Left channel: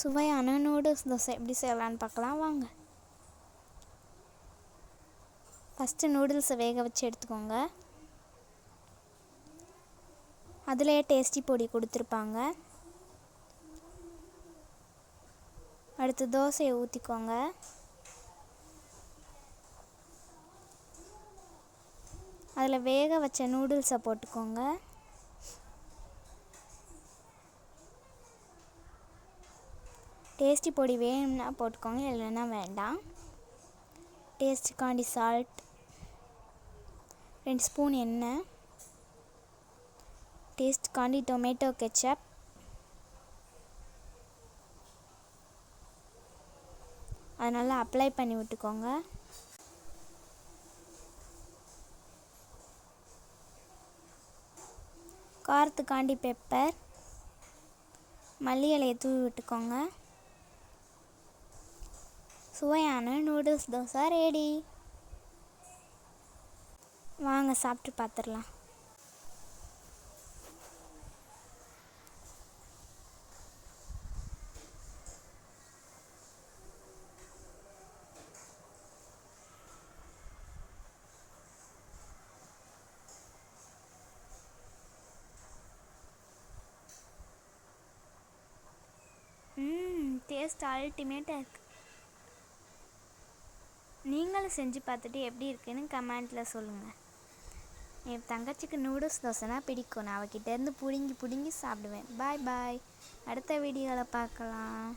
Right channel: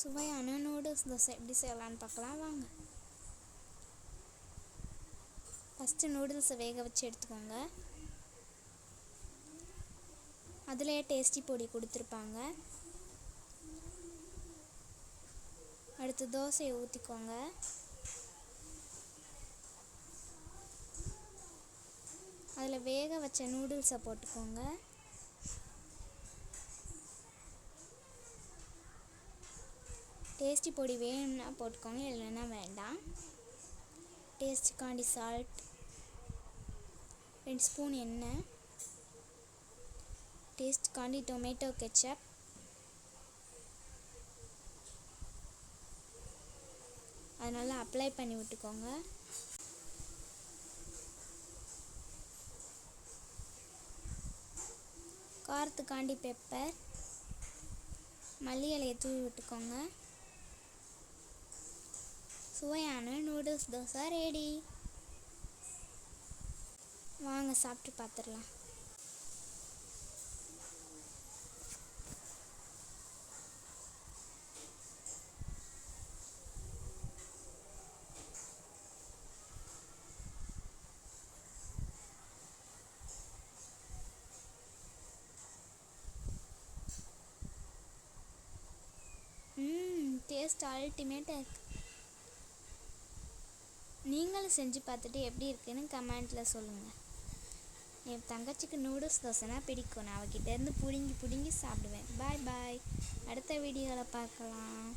சுவையான நூடுல்ஸ் தோசை எப்படி செய்யலான்னு பார்க்கலாம் வாங்க. ஃபஸ்ட்டு நூடுல்ஸை வேக வச்சு எடுத்துக்கோங்க. அதிலேயே டேஸ்டி பொடி கொடுத்துருப்பாங்க. அடுத்து தோசையை ஊற்றிக்கோங்க. அதில் வேக வச்ச நூடுல்ஸை போட்டுக்கோங்க. டேஸ்டி பொடி வேணும்னா போட்டுக்கோங்க, இல்லைன்னா வேண்டாம். டேஸ்ட்டுக்காண்டி சால்ட், 2 ஸ்பூன் எண்ணெய், டேஸ்ட்டுக்காண்டி டொமேட்டோ கெச்சப், அதை நல்லா அப்ளை பண்ணி விட்டுக்கோங்க. காரத்துக்காண்டி பெப்பர், மல்லி இலையை தூவி விட்டுக்கோங்க. சுவையான நூடுல்ஸ் தோசை ரெடி. வாங்க சாப்பிட்டு பார்த்துடலாம். டேஸ்ட் அல்டிமேட்டாக இருக்குது. நீங்களும் செஞ்சு பார்த்துட்டு எப்படி இருக்குன்னு கமெண்ட்டில் சொல்லுங்கள். என் தங்கச்சிக்கு நூடுல்ஸ் தோசைனா பிடிக்கும். நான் அவகிட்டேருந்து பிடுங்கி சாப்பிடுவேன். பாய் பாய். அடுத்த வீடியோவில் பார்க்கலாம்.